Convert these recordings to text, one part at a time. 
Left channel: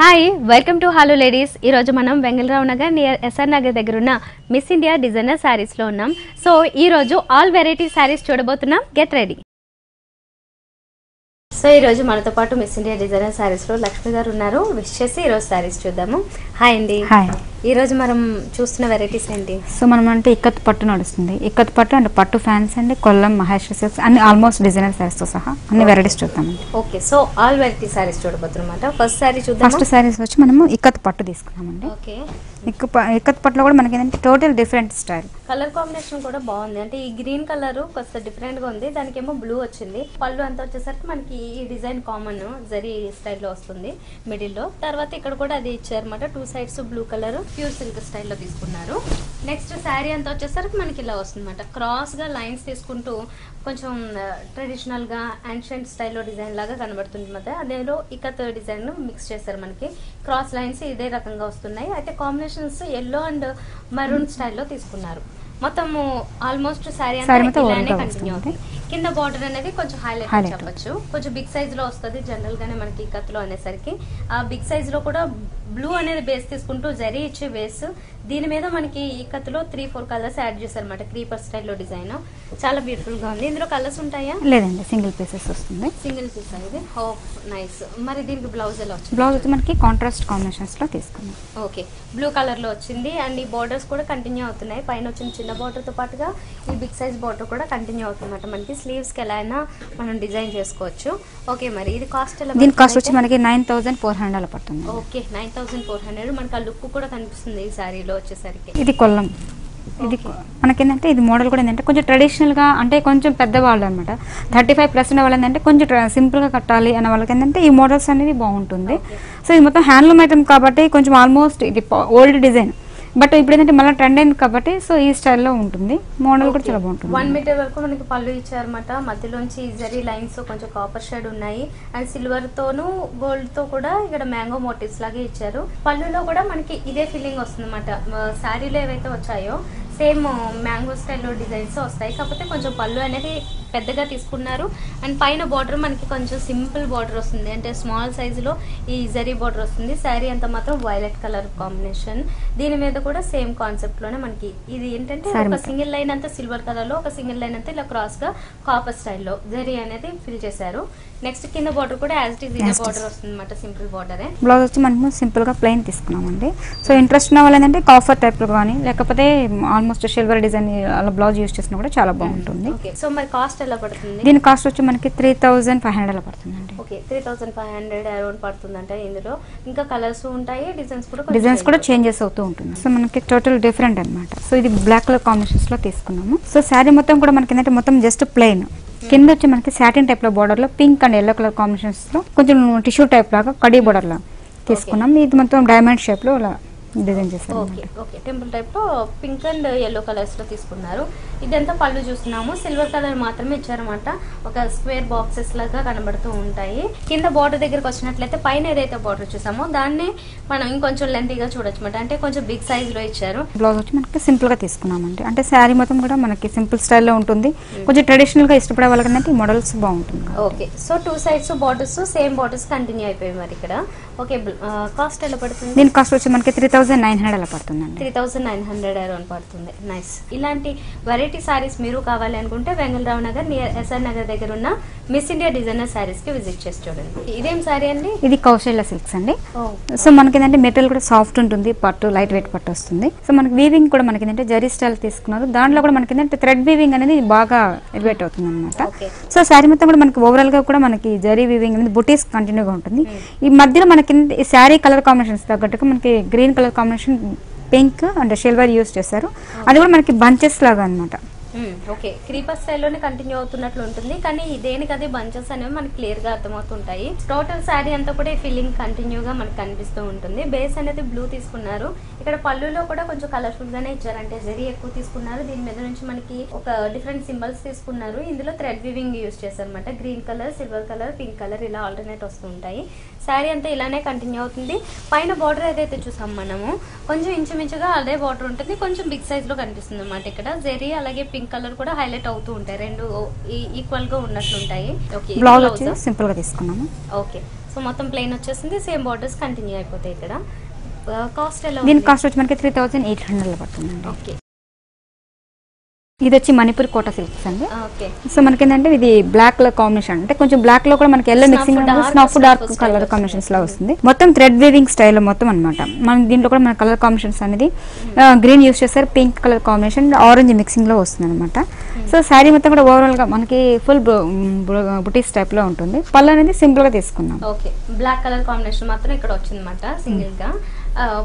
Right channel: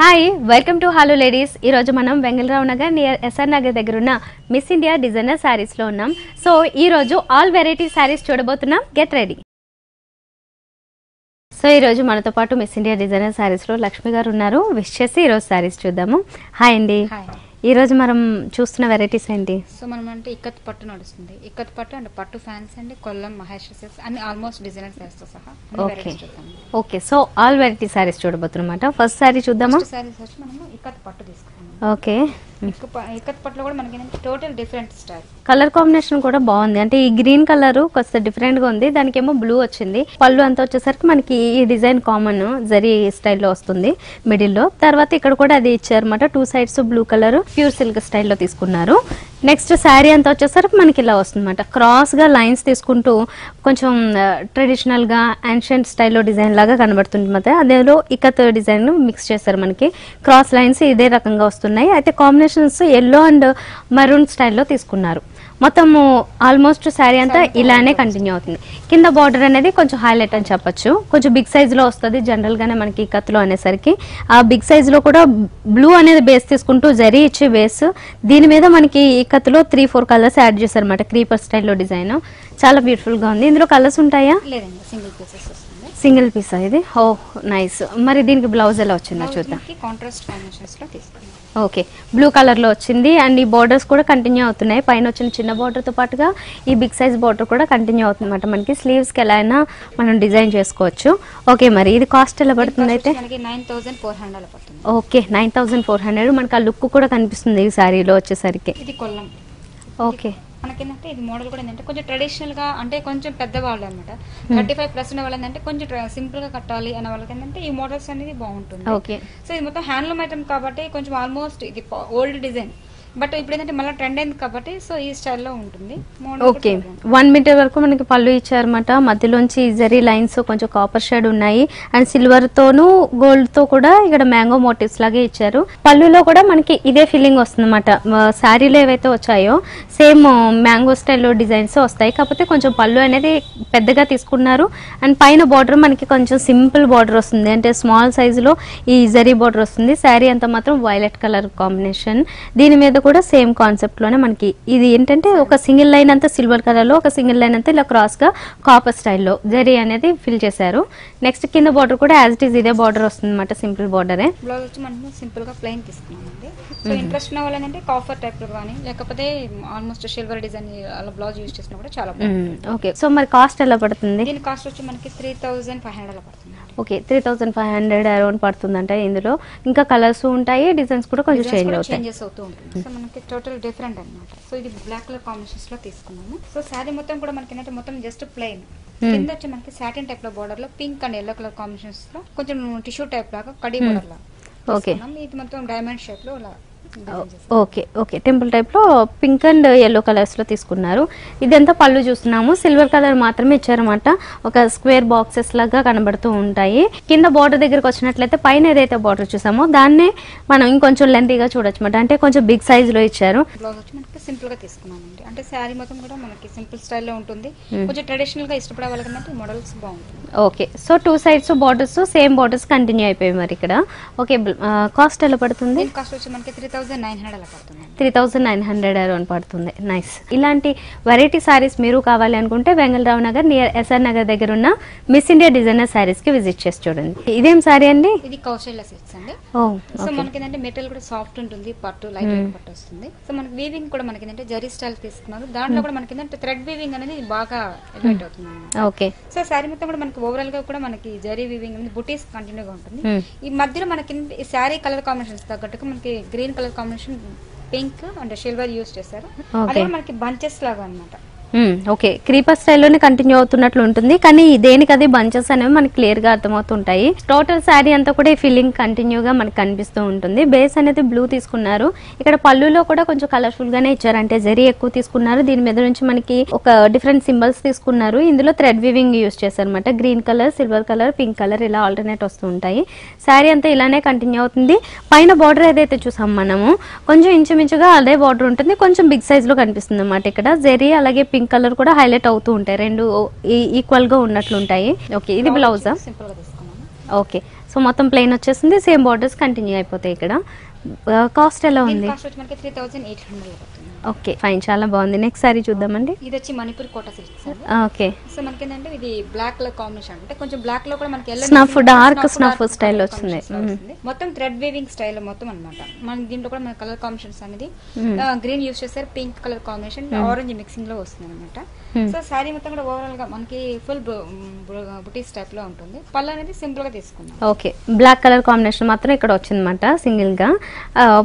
Hi welcome to hello ladies. ఈరోజు మనం Vengala Rao Nagar near SR Nagar దగ్గర ఉన్న మిస్ ఇండియా డిజైనర్ శారీస్లో ఉన్నాం. సో ఈరోజు ఆల్ వెరైటీ శారీస్ చూడబోతున్నాం. Get ready. సో ఈరోజు మనతో పాటు మిస్ ఇండియా డిజైనర్ శారీస్లో లక్ష్మి గారు ఉన్నారు. విష్ చేసి ఈరోజు శారీస్ చూద్దాము. హాయ్ అండి. హాయ్. ఈరోజు మనం చూస్తున్న వెరైటీస్ ఏంటి? సో మనం అంటే ఇక్కత్ పట్టు నడుస్తుంది. ఇక్కత్ పట్టు అంటే పట్టు ఫ్యాన్స్ అండి, కొల్లం, మహేశ్వరి సిల్క్స్ అన్ని ఆల్మోస్ట్ డిజైనర్ శారీస్ తో సహా అన్ని వెరైటీస్ చూద్దామండి. Okay, so all variety saris చూడబోతున్నమాట. ఫస్ట్ శారీ చూద్దాం. ఫస్ట్ శారీస్ వచ్చి మనము ఇక్కత్ పట్టు తీసుకున్నామండి. ఓకే, ఇక్కత్ పట్టులో కూడా మనకి ఏంటంటే total different style. Colour combination కూడా బాగుంది. అంటే ఈ గ్రీన్ కలర్ కొంచెం డిఫరెంట్ గా ఉంది, దానికేమో బ్లూ వచ్చింది. పళ్ళు అంతా వచ్చేసరికి మనకి ఈ డిజైన్ కామన్ జరీ స్టైల్లో వస్తుంది మిడిల్ లో. తర్వాత ఇక్కడ కూడా అది ఇచ్చారన్నమాట. Two sides blue colour pure silk స్టైల్లో తీసుకున్నారు. నెక్స్ట్ శారీ అంతా వచ్చేసరికి మనకి ఇలా వస్తుంది అనమాట. క్రాస్ గా లైన్స్ తీసుకుంటూ కొంచెం ట్రెడిషనల్ గా యాన్షియంట్ స్టైల్లో డిజైన్ లాగా కనబడుతుంది. ಮತ್ತೆ అదేలో ఇక్కత్ డిజైన్ మిక్స్ చేశారు. మనకి క్రాస్ లైన్స్ ఇదే రకంగా వస్తున్నాయి. అయితే కాంబినేషన్స్ ఎల్లో అండ్ మరూన్ స్టైల్లో తీసుకున్నారు. మొత్తం ఆల్మోస్ట్ శారీ అంతా ఇలానే కంటిన్యూ అవుతుంది. కింద బార్డర్ అనేది కొంచెం హైలైట్ అని చెప్పొచ్చు. కొంచెం బిగ్ సైజ్ లో వస్తుంది జనరల్ గానే మనకి కత్తులో అనేసరికి. ఆ బిగ్ సైజ్ లో కూడా బ్లూ అనేది బేస్ తీసుకుంటూ జరీ ఇచ్చే బేస్, దీని మీద మనకి ఈ కత్తులో 3-4 కలర్స్ యాడ్ చేశారు అనమాట. క్రీపర్ స్టైల్లో డిజైన్ చాలా బ్యూటిఫుల్ గా ఉంది. ఇందులో కలర్స్ ఉంటాయా? లేదండి, సింగిల్ పీసెస్ వస్తుంది. సింగిల్ పీస్ ఇది. ఓ నైస్. మరి దీనికి బ్లౌజ్ ఎలా వచ్చింది? మనకి కాంట్రాస్ట్ కాంబినేషన్స్ లో తీసుకున్నాం. ఓకే, బ్లూ కలర్ లో వచ్చింది. అండ్ ఈ బోర్డర్స్ కూడా కంటిన్యూ అవుతున్నాయి. పైన వచ్చిన చిన్న బార్డర్ తో పాటుగా ఈ బిగ్ సైజ్ బార్డర్ కూడా కంటిన్యూ అవుతుంది అనమాట. మనకి స్లీవ్స్ కి ఎలా అయినా మనం డిజైన్ చేసుకోవచ్చు. ఓకే, మరి ఇది కాస్ట్ ఎలా పడుతుంది? మనకి 9400 పడుతుంది. ఓకే, 9400. మనకి ఆ లుక్ కూడా కనిపిస్తుంది ఈ సారీలో వచ్చేసరికి. ఇది కొల్లం. ఓకే, మనకేంటంటే ఇది మోడల్ కూడా ఏంటంటే కొంచెం ట్రెడిషనల్ గా, అంటే కొంచెం పెద్దవాళ్ళు అనమాట. 35+ ఉన్న వాళ్ళు ఏంటంటే కొంచెం సింపుల్ గా కట్టాలి అన్న వాళ్ళకి ఏంటంటే ఈ మోడల్స్ అనేవి బాగుంటుంది. సో ఇది మొత్తం హ్యాండ్లూమ్ ఐటమ్ కాబట్టి కొంచెం ఆల్మోస్ట్ ఇది ఓల్డ్ డిజైన్, బట్ ఇప్పుడు ఏంటంటే మళ్ళీ ట్రెండ్ అయింది కాబట్టి సో ఈ స్టైల్లో ఉంటుంది. మోడల్ కూడా 1 మీటర్ వరకు మనకి పళ్ళు ఇచ్చారన్నమాట. మధ్యలోంచి జరీ లైన్స్ కొంచెం కాపర్ షేడ్ ఉన్నాయి. అండ్ సిల్వర్ తోను గోల్డ్ తో కూడా ఇక్కడ మ్యాంగో మోటివ్స్ లాగే ఇచ్చారు. పళ్ళులో కూడా మనకి ఇదే ఫీలింగ్ వస్తుంది అనమాట. శారీలో ఏవైతే వచ్చాయో సేమ్ మ్యాంగో స్టైల్లో డిజైన్స్ వస్తాయి. కాకపోతే కొంచెం పళ్ళు అనేది పెద్దగా తీసుకున్నారు. అండ్ పైన బార్డర్ మనకి కొంచెం సింపుల్ బార్డర్ వస్తుంది, అంటే స్మాల్ సైజులో ఈ జరీ బార్డర్ వస్తుంది. శారీ అంతా మాత్రం వైలెట్ కలర్ కాంబినేషన్. దీని మీద కూడా సేమ్ కాన్సెప్ట్ లోనే మనకి ఇది ఏంటంటే ఒక సింగిల్ లైన్ అంతా సిల్వర్ కలర్ లో, ఒక సింగిల్ లైన్ అంతా ఇలా క్రాస్ గా కాపర్ స్టైల్లో జరీ అనేది ఫిల్ చేశారు. నెక్స్ట్ కింద బార్డర్ కూడా యాజ్ ఇట్ ఈస్ ఇదే బార్డర్ వస్తుంది అనమాట. సింపుల్ బార్డరే. బ్లౌజ్ వచ్చి మనము సింపుల్ గా ప్లెయిన్ తీసుకున్నామండి. సో ఇంట్రెస్ట్ ఉన్న వాళ్ళు ఏంటంటే కాఫర్ టైప్ లో కానీ లేకపోతే ఆల్మోస్ట్ సిల్వర్ డిజైన్ అలా బ్లౌజ్ యూస్ చేసినా కూడా చాలా బాగుంటుంది. ఓకే, సో మరి కాస్ట్ ఎలా పడుతుంది? దీని కాస్ట్ వచ్చి మనకి 3500 పడుతుంది. ఓకే, 3500 అరౌండ్ పడుతుంది. అంటే ఇందులో ఇంకా కలర్స్ ఉంటాయి, డిజైన్స్ కూడా చేంజెస్ అవుతూ ఉంటుంది. సో మనకి టోటల్ డిఫరెంట్ అనమాట. సో ఇది బ్లాక్ కలర్ కాంబినేషన్స్ లో తీసుకున్నాము. సో శారీ మొత్తం కూడా మనకి ఏంటంటే మొత్తం జస్ట్ ప్లెయిన్. కింద వచ్చి మనకి సాటిన్ టైప్ లో బార్డర్ లో pink and yellow colour combinations లో కొంచెం టిష్యూ టైప్ లాగా కడీ బార్డర్ లో తీసుకున్నాం. ఇది మొత్తం డైమండ్ షేప్ లో డిజైన్ చేస్తాం. ఓకే ఓకే, టెంపుల్ టైప్ లో పింక్ అండ్ ఎల్లో కలర్స్ లో తీసుకున్నారు. ఇదంతా పళ్ళు చూస్తున్నాము. సిల్వర్ కలర్ మాత్రమే ఇచ్చారన్నమాట. ఒక స్క్వేర్ బాక్సెస్ లాగా కనబడుతూ ఉంటాయి. కింద బార్డర్ దగ్గరకు వచ్చినట్లయితే పైన ఏదైతే బార్డర్ చూసామో దాన్నే మనం ఇంకొంచెం లెంతీగా చూడొచ్చు అనమాట. అంటే కొంచెం బిగ్ సైజ్ లో ఇచ్చారు. బ్లౌజ్ వచ్చి మనకి సింపుల్ గా తీసుకున్నామండి. అంటే శారీ మొత్తం కూడా మనకి సింపుల్ స్టైల్లో ఉంటుంది. కొంచెం ట్రెడిషనల్ గా ఇష్టపడే వాళ్ళకంటే ఈ మోడల్స్ బాగుంటుంది. Okay, so 2 sides borders same borders continue అయిపోయాయి మరి ఇక్కడ. ఓకే, కాస్ట్ ఎలా పడుతుంది? దీని కాస్ట్ వచ్చి మనకి 3900 అలా పడుతుంది. 3900 అరౌండ్ పడుతుంది. నైస్. ఇలాంటి వెరైటీ సారీస్ మీరు కావాలి అనుకుంటే వెంగళరావు నగర్ నియర్ ఎస్ఆర్ నగర్ దగ్గర ఉన్న మిస్ ఇండియా డిజైనర్ సారీస్ కి విజిట్ చేసి చూడండి. ఇదేం సారీ అండి? ఇది కౌశల్య సిల్క్స్ అండి. సో మనకి ఏంటంటే మెటీరియల్ కూడా సాఫ్ట్ ఉంటుంది, పట్టు లైట్ వెయిట్ పట్టు వస్తుంది. సో మనకి వీవింగ్ కూడా మనకి ఏంటంటే జరీ స్టైల్ తీసుకున్నారు. దాంట్లో కూడా మనకి ఏంటంటే థ్రెడ్ వీవింగ్ అనేది బాగా ఎలివేట్ అవుతుంది అనమాట. ఓకే, సో శారీ మొత్తం కూడా మనకి ఓవరాల్ గా కూడా మనకి జరీ వీవింగ్ అనేది బుటీస్ కంటిన్యూగా ఉంటుంది. ఈ మధ్యలో మనకి ఈ శారీ కలర్ కాంబినేషన్స్ తగ్గట్టుగా మనకి green colour combination, pink and silver use చేశారు. అది కూడా మనకి బంచెస్ లాగా అనమాట. ఓకే, క్రీపర్ స్టైల్లోనే కంటిన్యూ అవుతున్నట్లు ఉంటుంది. కానీ దేనికి అది బంచెస్ అనేవి మనకి క్లియర్ గా అర్థమవుతుంటాయి. టోటల్ శారీ అంతా కూడా ఈ ఫీలింగ్ కంటిన్యూగా మనకి కనిపిస్తూ ఉంటుంది. బేస్ అనేది బ్లూ తీసుకున్నారు. ఇక్కడ పళ్ళులో కూడా కొంచెం కలర్ఫుల్ గానే ఇచ్చారు, అంటే జరీ ఎక్కువ తీసుకున్నారు. దీని మీద నుంచి మనకి ఒక డిఫరెంట్ సింబల్స్ తీసుకున్నారు. ఇందులో థ్రెడ్ వీవింగ్ యూస్ చేశారనమాట. Green colour, silver colour, pink colour ఇలా ఆల్టర్నేట్ వస్తూ ఉంటాయి. శారీ అంతా ఇలానే కంటిన్యూ అవుతుంది. పైన బార్డర్ ఏదైతే చూసాం మనము కొంచెం ఇంచుమించుగా అదే బార్డర్ ఉంటుంది. కొంచెం బిగ్ సైజ్ లో కనిపిస్తుంది అనమాట. ఇక్కడ జరీ అలాగే పింక్ కలర్ కూడా హైలైట్ అవుతూ ఉంటాయి. రెండు ఈక్వల్ గా ఉన్నట్లు ఉంటాయి. ఓకే, ఇది బ్లౌజ్ సింపుల్ గా తీసుకున్నాము. ఓకే, సో మొత్తం ప్లెయిన్ వచ్చేసింది, సేమ్ బార్డర్స్ కంటిన్యూ అయిపోతాయి. ఇక్కడ కాస్ట్ ఎలా ఉంది? దీని కాస్ట్ వచ్చి మనకి 3800 పడుతుంది. ఓకే ఫైన్, చాలా బాగుంది. నెక్స్ట్ సారీ చూద్దామండి. ఇది వచ్చి మణిపూర్ కోటా సిల్క్స్ అండి. ఓకే సో మనకి ఏంటంటే ఇది బ్లాక్ కలర్ కాంబినేషన్, అంటే కొంచెం బ్లాక్ లో కూడా మనకి డార్క్ స్టైల్ కాంబినేషన్స్ లో వస్తుంది. మొత్తం థ్రెడ్ వీవింగ్ స్టైల్ మొత్తం అన్నమాట. మన దీంట్లో కూడా మన కలర్ కాంబినేషన్స్ అనేది గ్రీన్ యూస్ చేస్తారు, pink colour combination, orange mixing లో వస్తుంది అనమాట. సో శారీ మొత్తం కూడా ఓవరాల్ గా మనకి ఫుల్ బుటీస్ టైప్ లో ఉంటుంది. పళ్ళు అనేది సింపుల్ గా తీసుకున్నాం. ఓకే బ్లాక్ కలర్ కాంబినేషన్ మాత్రం ఇక్కడ వచ్చింది అనమాట సింగిల్ గా.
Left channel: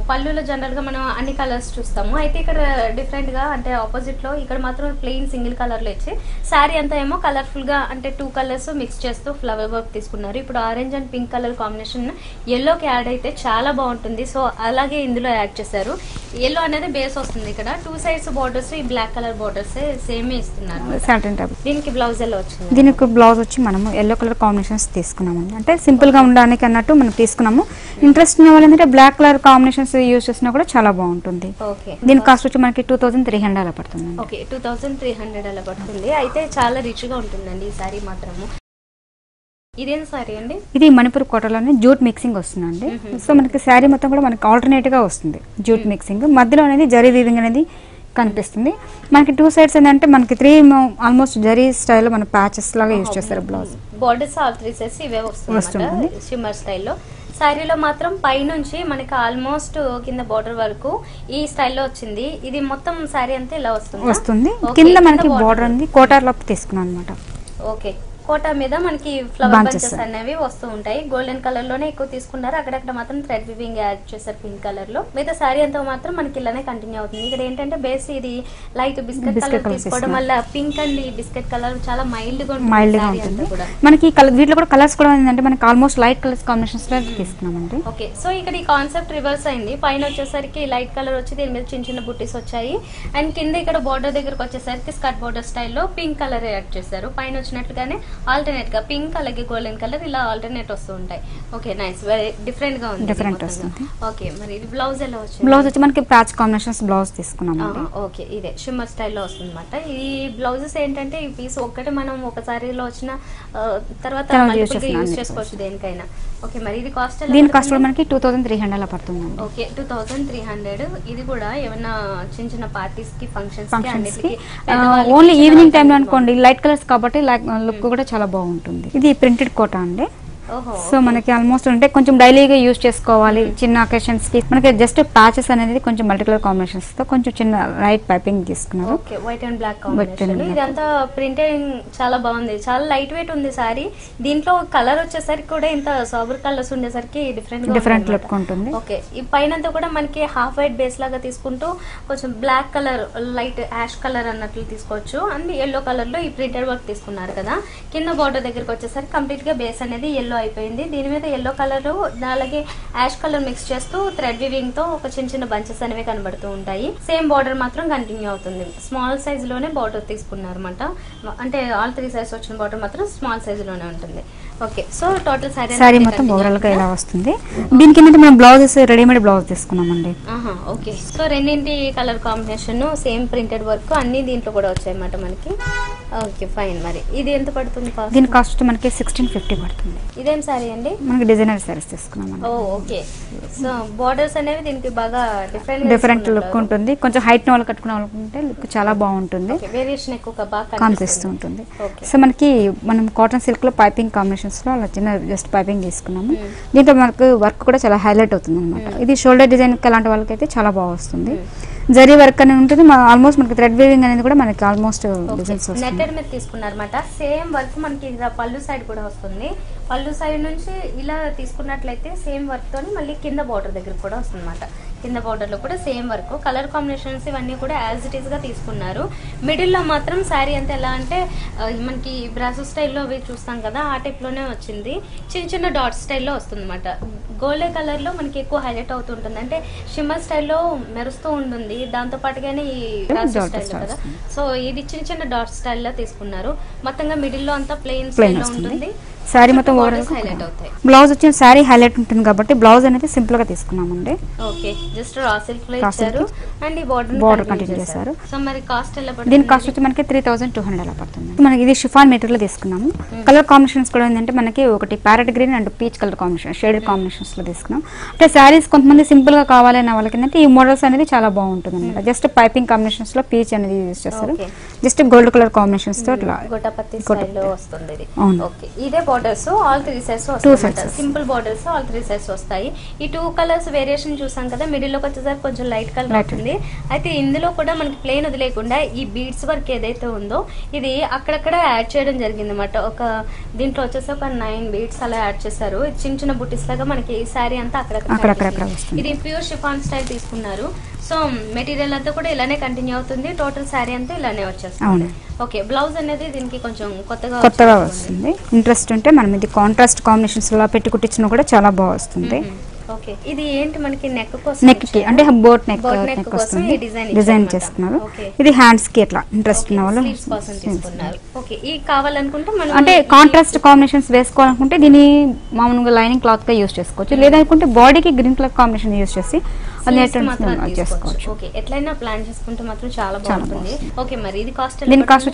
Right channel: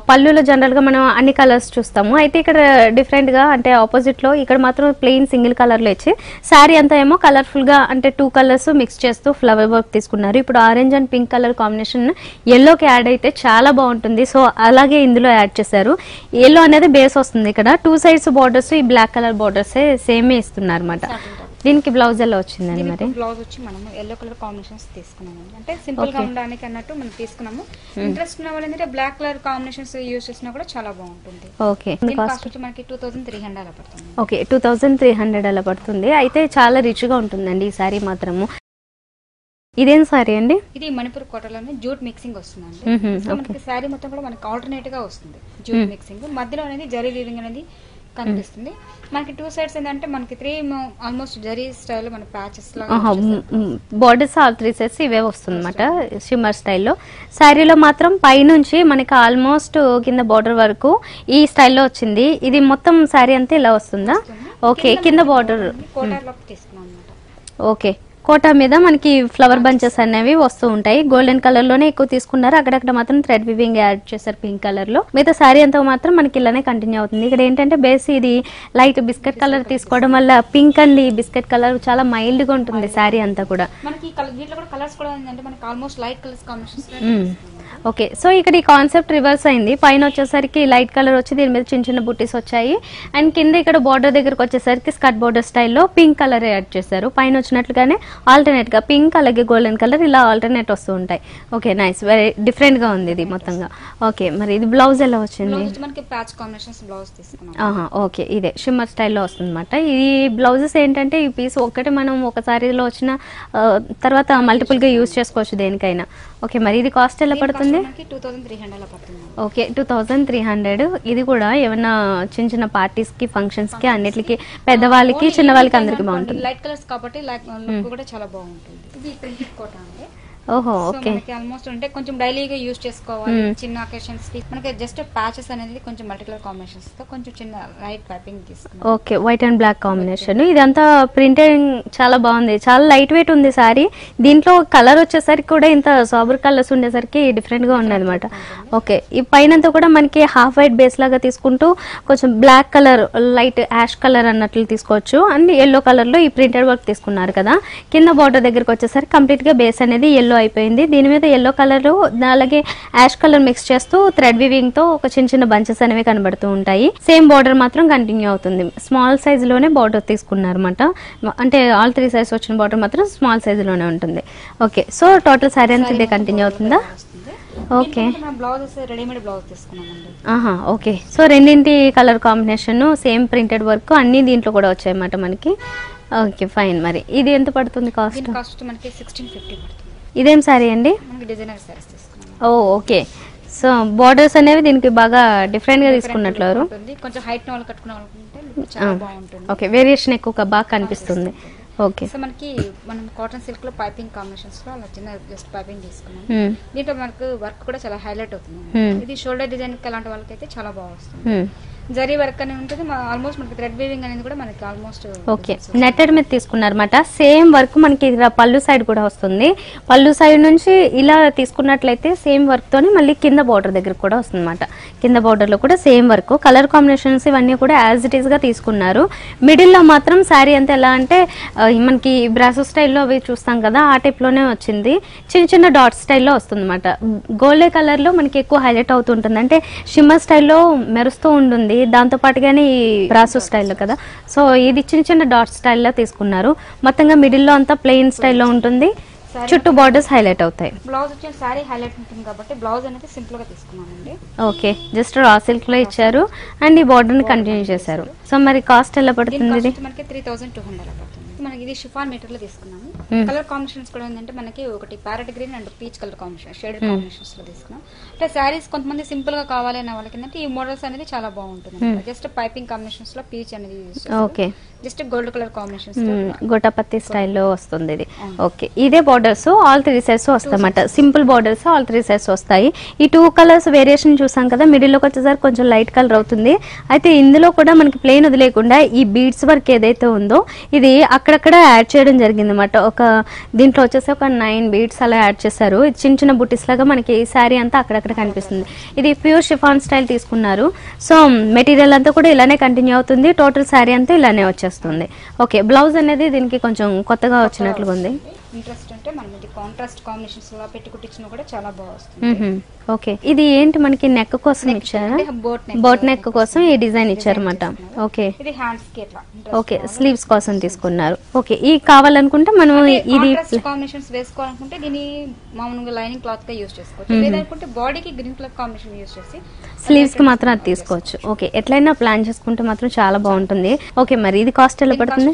పళ్ళులో జనరల్ గా మనం అన్ని కలర్స్ చూస్తాము, అయితే ఇక్కడ డిఫరెంట్ గా అంటే ఆపోజిట్ లో ఇక్కడ మాత్రం ప్లెయిన్ సింగిల్ కలర్ లో ఇచ్చి శారీ అంతా ఏమో కలర్ఫుల్ గా అంటే 2 కలర్స్ మిక్స్ చేస్తూ ఫ్లవర్ వర్క్ తీసుకున్నారు. ఇప్పుడు orange and pink colour combination ఎల్లోకి యాడ్ అయితే చాలా బాగుంటుంది. సో అలాగే ఇందులో యాడ్ చేశారు. ఎల్లో అనేది బేస్ వస్తుంది. ఇక్కడ 2 సైడ్స్ బార్డర్స్ ఈ బ్లాక్ కలర్ బార్డర్స్ సేమే ఇస్తున్నారు అన్నమాట. దీనికి బ్లౌజ్ ఎలా వచ్చింది? దీనికి బ్లౌజ్ వచ్చి మనము ఎల్లో కలర్ కాంబినేషన్స్ తీసుకున్నామండి, అంటే సింపుల్ గా ఉండడానికి అన్నట్టు మనం తీసుకున్నాము. ఇంట్రెస్ట్ ఉన్న వాళ్ళంటే బ్లాక్ కలర్ కాంబినేషన్స్ యూస్ చేసినా కూడా చాలా బాగుంటుంది. ఓకే దీని కాస్ట్ వచ్చి మనకి 2300 అలా పడుతుంది. ఓకే 2300 అలా పడుతుంది. అయితే చాలా రిచ్ గా ఉంటుందండి ఈ సారీ మాత్రము. ఇదేం సారీ అండి? ఇది మణిపూర్ కోటలోనే జూట్ మిక్సింగ్ వస్తుందండి. సో మనకి శారీ మొత్తం కూడా మనకి ఆల్టర్నేట్ గా వస్తుంది జూట్ మిక్సింగ్, మధ్యలో అనేది జరీ వీవింగ్ అనేది కనిపిస్తుంది. మనకి 2 సైడ్స్ ఏంటంటే మనకి 3 ఆల్మోస్ట్ జరీ స్టైల్ మన ప్యాచెస్ లాగా యూస్ చేస్తారు. బోర్డర్స్ ఆల్ 3 సైడ్స్ ఇవే వస్తుంది షిమ్మర్ స్టైల్లో. శారీలో మాత్రం పైనుంచి మనకి ఆల్మోస్ట్ కింద బోర్డర్ వరకు ఈ స్టైల్లో వచ్చింది. ఇది మొత్తం శారీ అంతా ఇలా వస్తుంది. కింద బోర్డర్ ఉంది, కోటార్ లో తీసుకున్నాం అనమాట. ఓకే కోటా మీద మనకి ఫ్లవర్ బంచెస్ అనేవి వస్తూ ఉంటాయి. గోల్డెన్ కలర్ లోనే ఎక్కువ తీసుకున్నారు, అక్కడక్కడ మాత్రం థ్రెడ్ వివింగ్ యాడ్ చేశారు పింక్ కలర్ లో. మిగతా సారీ అంతా మాత్రం మనకి ఇలానే కంటిన్యూ అవుతుంది. ఇక్కడ ఏంటంటే బేస్ ఇది లైట్ బిస్కెట్ కలర్ తీసుకోవడం వల్ల పింక్ అండ్ బిస్కెట్ కలర్ చాలా మైల్డ్ గా ఉంటుంది సారీ అంతా కూడా. మనకి వీటిలో కూడా కలర్స్ కూడా ఏంటంటే మనకి ఆల్మోస్ట్ లైట్ కలర్స్ కాంబినేషన్స్ లో తీసుకున్నామండి. ఓకే సో ఇక్కడ ఈ కాన్సెప్ట్ రివర్స్ అయింది. పైన వచ్చేసరికి లైట్ కలర్ వచ్చి దీని మీద చిన్న చిన్న బుట్టీస్ వచ్చాయి, అండ్ కింద ఇక్కడ బోర్డర్ దగ్గరకు వచ్చేసరికి స్కర్ట్ బోర్డర్ స్టైల్లో పింక్ కలర్ యాడ్ చేశారు. పైన వచ్చినట్లుగానే ఆల్టర్నేట్ గా పింక్ అలాగే గోల్డెన్ కలర్ ఇలా ఆల్టర్నేట్ వస్తూ ఉంటాయి. ఓకే నైస్, వెరీ డిఫరెంట్ గా ఉంది ఇది మొత్తంగా. ఓకే మరి ఇది బ్లౌజ్ ఎలా వచ్చింది? బ్లౌజ్ వచ్చి మనకి ప్యాచ్ కాంబినేషన్స్ బ్లౌజ్ తీసుకున్నాం. ఓకే ఇదే షిమ్మర్ స్టైల్లో వస్తుంది అనమాట. ఈ బ్లౌజెస్ ఏంటంటే ఈ పీస్ ఒక్కటి మనం ఒక సారీలో వచ్చిన తర్వాత మల్టిపుల్ గా యూజ్ చేసుకోవచ్చు దేనికైనా. ఓకే మరి ఇది కాస్ట్ ఎలా పడుతుంది? మనకి 2300 అలా పడుతుంది. ఓకే 2300. ఇది కూడా ఏమైనా చిన్న చిన్న పార్టీస్ కి ఫంక్షన్స్ కి అన్నిటికి పెద్దవాళ్ళకి లైట్ కలర్స్ కాబట్టి లుక్ కూడా చాలా బాగుంటుంది. ఇది ప్రింటెడ్ కోటా అండి. సో మనకి ఆల్మోస్ట్ అంటే కొంచెం డైలీగా యూజ్ చేసుకోవాలి చిన్న అకేషన్స్ కి. మనకి జస్ట్ ప్యాచెస్ అనేది కొంచెం మల్టీ కలర్ కాంబినేషన్స్ తో కొంచెం చిన్న లైట్ పైపింగ్ తీసుకున్నాం. Okay white and black combination. ఇదంతా ప్రింటెడ్ చాలా బాగుంది, చాలా లైట్ వెయిట్ ఉంది సారీ. దీంట్లో కలర్ వచ్చేసరికి కూడా ఇంత సాబర్ కలర్స్ ఉండేసరికి డిఫరెంట్ గా ఉంటుంది. ఓకే ఈ పైన కూడా మనకి హాఫ్ వైట్ బేస్ లాగా తీసుకుంటూ కొంచెం black colour light ash colour అన్నట్లు తీసుకోవచ్చు. అండ్ ఎల్లో కలర్ లో ఈ ప్రింటెడ్ వర్క్ తీసుకున్నారు కదా. కింద బార్డర్ దగ్గరకు వచ్చేసరికి కంప్లీట్ గా బేస్ అనేది ఎల్లో అయిపోయింది. దీని మీద ఎల్లో కలర్ అలాగే యాష్ కలర్ మిక్స్ చేస్తూ థ్రెడ్ వివింగ్ తో ఒక చిన్న చిన్న బంచెస్ అనేవి కనబడుతూ ఉంటాయి. సేమ్ బార్డర్ మాత్రం కంటిన్యూ అవుతుంది. స్మాల్ సైజ్ లోనే బార్డర్ తీసుకున్నారు అనమాట, అంటే ఆల్ 3 సైజ్ వచ్చిన బార్డర్ మాత్రం స్మాల్ సైజ్ లోనే ఉంటుంది. Okay so total sorry continue అవుతుంది. దీనికి ఏంటంటే మనం బ్లౌజెస్ రెడీమేడ్ బ్లౌజ్ తీసుకున్నామండి. ఓకే సో రెండింటి colour combination same printed work అన్ని దీంట్లో కూడా వచ్చాయి అన్నమాట మనకి. ఓకే ఫైన్, మరి ఇది ఎంత పడుతుంది కాస్ట్? దీని కాస్ట్ మనకి 1650 పడుతుంది. ఇదేం సారీ అండి? మనకి డిజైనర్ సారీస్ తీసుకున్నాం. ఓకే సో బోర్డర్స్ అనేవి దీనికి బాగా డిఫరెంట్ ఉంటుంది. కొంచెం హైట్ వాళ్ళు కట్టుకునే వాళ్ళకుంటే చాలా బాగుంటుంది. ఓకే వేరియేషన్ ఎక్కువగా బాగా కనిపిస్తుంది. ఓకే సో మనకి మనం కాటన్ సిల్క్ లో పైపింగ్ కాంబినేషన్స్ లో అలా చిన్న జస్ట్ పైపింగ్ తీసుకున్నాము. దీంట్లో మనకు వర్క్ కూడా చాలా హైలైట్ అవుతుంది. ఇది షోల్డర్ డిజైన్ అలాంటి వాళ్ళకైతే చాలా బాగా వస్తుంది. జరీ వర్క్ అనేది ఉంటుంది. ఆల్మోస్ట్ మనకి థ్రెడ్ వీవింగ్ అనేది కూడా మనకి ఆల్మోస్ట్ నెట్టెడ్ మీద తీసుకున్నారన్నమాట. సేమ్ వర్క్ మనకి పళ్ళు సైడ్ కూడా వస్తుంది. పళ్ళు సైడ్ నుంచి ఇలా తీసుకున్నట్లయితే సేమ్ వర్క్ తోనే మళ్ళీ కింద బార్డర్ దగ్గర కూడా వస్తుంది అన్నమాట. కింద బార్డర్ లో కూడా సేమ్ వర్క్, కలర్ కాంబినేషన్స్ ఇవన్నీ కూడా యాజ్ ఇట్ ఈస్ గా తీసుకున్నారు. మిడిల్ లో మాత్రం శారీ అంతా ఎలా అంటే మనకి బ్రాసో స్టైల్లో అవి చూస్తాం కదా ఆ టైప్ లోనే వచ్చింది. చిన్న చిన్న డాట్ స్టైల్లో వస్తుంది అన్నమాట. గోల్డే కలర్ లో మనకి ఎక్కువ హైలైట్ అవుతుంటుంది, అంటే షిమ్మర్ స్టైల్లో మెరుస్తూ ఉంటుంది. దాంతో పాటుగానే ఈ బ్రాసో స్టైల్లో కదా. సో ఇది చిన్న చిన్న డాట్ స్టైల్లో తీసుకున్నారు. మొత్తంగా మిడిల్ లో అంతా ప్లెయిన్ స్టైల్లో ఉంటుంది. శారీ మొత్తం బార్డర్స్ హైలైట్ అవుతాయి. బ్లౌజ్ వచ్చిన శారీ హైలైట్ ఉంటుంది కాబట్టి బ్లౌజ్ అనేది సింపుల్ గా తీసుకున్నామండి. ఓకే, జస్ట్ రా సిల్క్ లో ఇచ్చారు అండ్ ఈ బార్డర్ ని కంటిన్యూ చేశారు. సో మరి కాస్ట్ ఎలా పడుతుంది? దీని కాస్ట్ వచ్చి మనకి 3200 అలా పడుతుంది. మనకి ఇది షిఫాన్ మెటీరియల్ తీసుకున్నాము. కలర్ కాంబినేషన్స్ కూడా ఏంటంటే మనకి ఒకటి parrot green and peach colour combination shaded combinations లో తీసుకున్నాం. అంటే శారీస్ కొంతమంది సింపుల్ గా కావాలనే వాళ్ళకి ఏంటంటే ఈ మోడల్స్ అనేది చాలా బాగుంటుంది అనమాట. జస్ట్ పైపింగ్ కాంబినేషన్స్ లో పీచ్ అనేది యూజ్ చేస్తారు. జస్ట్ గోల్డ్ కలర్ కాంబినేషన్స్ తో గోటాపత్తి స్టైల్లో వస్తుంది ఇది. ఓకే, ఇదే బోర్డర్స్ ఆల్ 3 సైడ్స్ వస్తాయన్నమాట. సింపుల్ బోర్డర్స్ ఆల్ 3 సైడ్స్ వస్తాయి. ఈ 2 కలర్స్ వేరియేషన్ చూసాం కదా, మిడిల్ లోకి వచ్చేసరికి కొంచెం లైట్ కలర్ అవుతుంది. అయితే ఇందులో కూడా మనకి ప్లెయిన్ వదిలేకుండా ఈ బీడ్స్ వర్క్ ఏదైతే ఉందో ఇది అక్కడక్కడ యాడ్ చేయడం జరిగింది అనమాట. ఒక దీంట్లో వచ్చేసి ఒక 9 బీడ్స్ అలా యాడ్ చేశారు. చిన్న చిన్న బుట్టీస్ లాగా మనకి శారీ అంతా అక్కడక్కడ. ఇది ప్యూర్ షిఫాన్ స్టైల్ తీసుకున్నారు. సో మెటీరియల్ అంతా కూడా ఇలానే కంటిన్యూ అవుతుంది. టోటల్ శారీ అంతా ఇలానే వచ్చేస్తుంది. ఓకే, బ్లౌజ్ అనేది దీనికి కొంచెం కొత్తగా వస్తుంది. ఇంట్రెస్ట్ ఉంటే మనం ఇది కాంట్రాస్ట్ కాంబినేషన్స్ లో పెట్టి కుట్టించినా కూడా చాలా బాగా వస్తుంది. ఓకే, ఇది ఏంటి మనకి నెక్ కోసం అంటే బోట్ నెక్ కోసం ఈ డిజైన్ ఇచ్చారు. ఓకే, ఇది హ్యాండ్స్ కి అట్లా ఇంట్రెస్ట్ స్లీవ్స్ కోసం తీసుకున్నారు. ఓకే, ఈ కావాలనుకుంటే మనం అంటే కాంట్రాస్ట్ కాంబినేషన్స్ వేసుకోవాలనుకుంటే దీన్ని మామూలుగా లైనింగ్ క్లాత్ గా యూజ్ చేసుకోవచ్చు. లేదనుకుంటే బాడీకి గ్రీన్ కలర్ కాంబినేషన్ యూజ్ చేసి స్లీవ్స్ మాత్రం అది తీసుకోవచ్చు. ఓకే, ఎట్లయినా ప్లాన్ చేసుకుంటే మాత్రం చాలా బాగుంటుంది. ఓకే, మరి ఇది కాస్ట్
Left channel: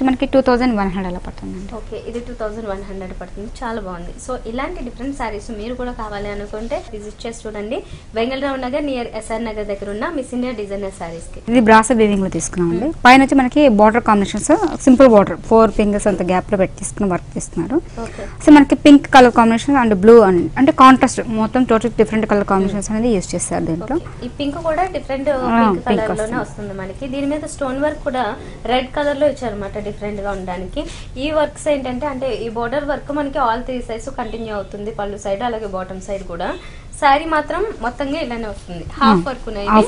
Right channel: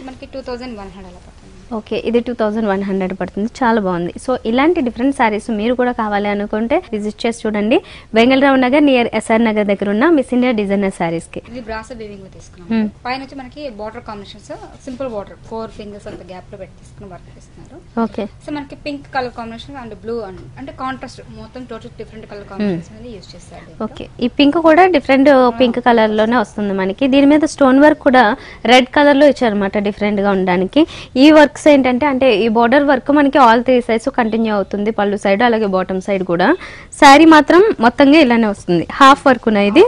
మనకి 2100 అలా పడుతుంది. ఓకే, ఇది 2100 పడుతుంది. చాలా బాగుంది. సో ఇలాంటి డిఫరెంట్ సారీస్ మీరు కూడా కావాలి అనుకుంటే విజిట్ చేసి చూడండి. వెంగళరావు నగర్ నియర్ ఎస్ఆర్ నగర్ దగ్గర ఉన్న మిస్ ఇండియా డిజైనర్ సారీస్ కి. ఇది బ్రాసో వీవింగ్ లో తీసుకున్నాం. పైన వచ్చి మనకి border combinations simple border 4 fingers అంత గ్యాప్ లో పెట్టి తీసుకున్న వర్క్ తీసుకున్నారు. ఓకే, సో మనకి pink colour combination and blue అంటే కాంట్రాస్ట్ మొత్తం టోటల్ డిఫరెంట్ కలర్ కాంబినేషన్స్ అనేది యూజ్ చేస్తారు దీంట్లో. ఈ పింక్ కూడా డిఫరెంట్ పింక్ కలర్ లోనే వస్తుంది మనకి. దీని మీద స్టోన్ వర్క్ కూడా రెడ్ కలర్ లో ఇచ్చారు అనమాట, డిఫరెంట్ గా ఉండడానికి. ఈ వర్క్స్ ఏంటంటే అంటే ఈ బోర్డర్ వర్క్ మనకి ఆల్ 3 సైడ్స్ కంటిన్యూ అవుతుంది. పళ్ళు సైడ్ అలాగే బాటమ్ సైడ్ కూడా. శారీ మాత్రం మొత్తంగా ఇలానే వస్తుంది. హాఫ్ వర్క్ ఉన్నాయి.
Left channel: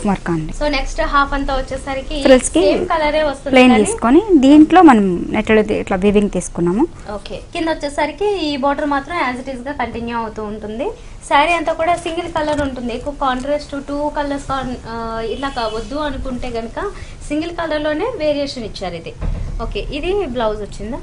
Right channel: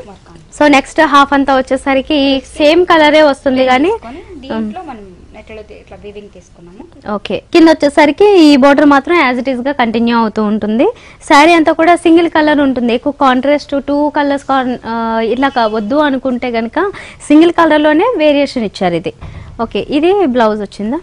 సో నెక్స్ట్ హాఫ్ అంతా వచ్చేసరికి సేమ్ కలరే వస్తుంది కానీ దీంట్లో మనం నెట్టెడ్ ఇట్లా వీవింగ్ తీసుకున్నాము. ఓకే, కింద వచ్చేసరికి ఈ బోర్డర్ మాత్రం యాజ్ ఇట్ ఈస్ గా కంటిన్యూ అవుతూ ఉంటుంది. శారీ అంతా కూడా సింగిల్ కలర్ ఉంటుంది. ఎక్కువ కాంట్రాస్ట్ 2 కలర్స్ ఇట్లా వద్దు అనుకుంటే గనక సింగిల్ కలర్ లోనే వేరియేషన్ ఇచ్చారు ఇది. ఓకే, ఇది బ్లౌజ్ వచ్చిందా?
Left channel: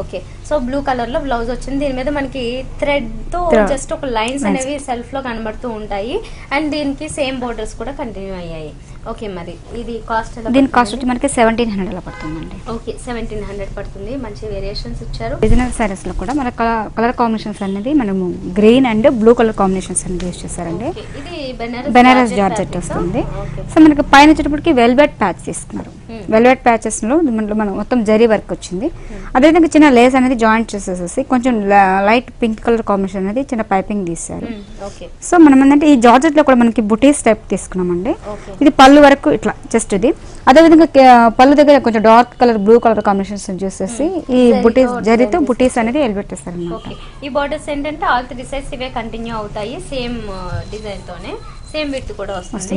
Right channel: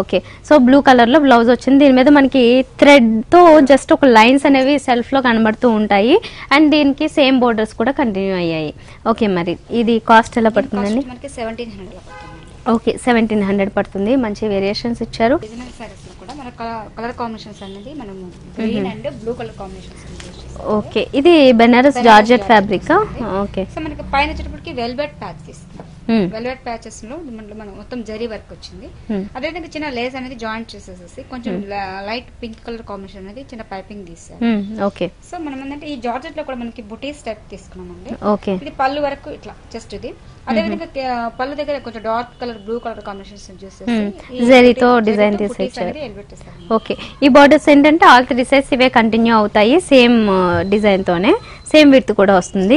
ఓకే, సో బ్లూ కలర్ లో బ్లౌజ్ వచ్చింది. దీని మీద మనకి థ్రెడ్ తో జస్ట్ ఒక లైన్స్ అనేవి సెల్ఫ్ లో కనబడుతూ ఉంటాయి. అండ్ దీనికి సేమ్ బోర్డర్స్ కూడా కంటిన్యూ అయ్యాయి. ఓకే, మరి ఇది కాస్ట్ ఎలా పడుతుంది? మనకి 1700 అలా పడుతుందండి. ఓకే, 1700 పడుతుంది. మంచి వేరియేషన్స్ ఇచ్చారు. బిజినెస్ సారీస్ లో కూడా మన కలర్ కాంబినేషన్స్ అనేది మనము green and blue colour combinations అనేది యూజ్ చేశారు. ఓకే, ఇది Banaras georgette fabric. Okay, so మనకి పైన వచ్చేటప్పటికి వెల్వెట్ ప్యాచ్ తీసుకున్నారు. వెల్వెట్ ప్యాచెస్ లో మనం మొత్తం జరీ వర్క్ వచ్చింది. అదేవిధంగా చిన్న లేస్ అనేది జాయింట్ చేసేసి కొంచెం లైట్ పింక్ కలర్ కాంబినేషన్ అనేది చిన్న పైపింగ్ తీసారు. ఓకే, సో మనం ఏంటంటే ఈ జార్జెట్ లో కూడా మనకి బుటీస్ టైప్ తీసుకున్నామండి. ఓకే, ఇది పళ్ళు వరకు ఇట్లా జస్ట్ ఇది. అదేవిధంగా పళ్ళు దగ్గర కొంచెం dark colour blue colour combinations చూసేసి జరీతో బుటీస్ అనేది ఎలిపెట్టేస్తారు. ఓకే, ఈ బార్డర్స్ ఏంటంటే ఆల్ 3 సైడ్స్ ఇవే కంటిన్యూ అవుతాయి. సేమ్ డిజైన్ తోనే సేమ్ విడ్త్ కూడా వస్తుంది.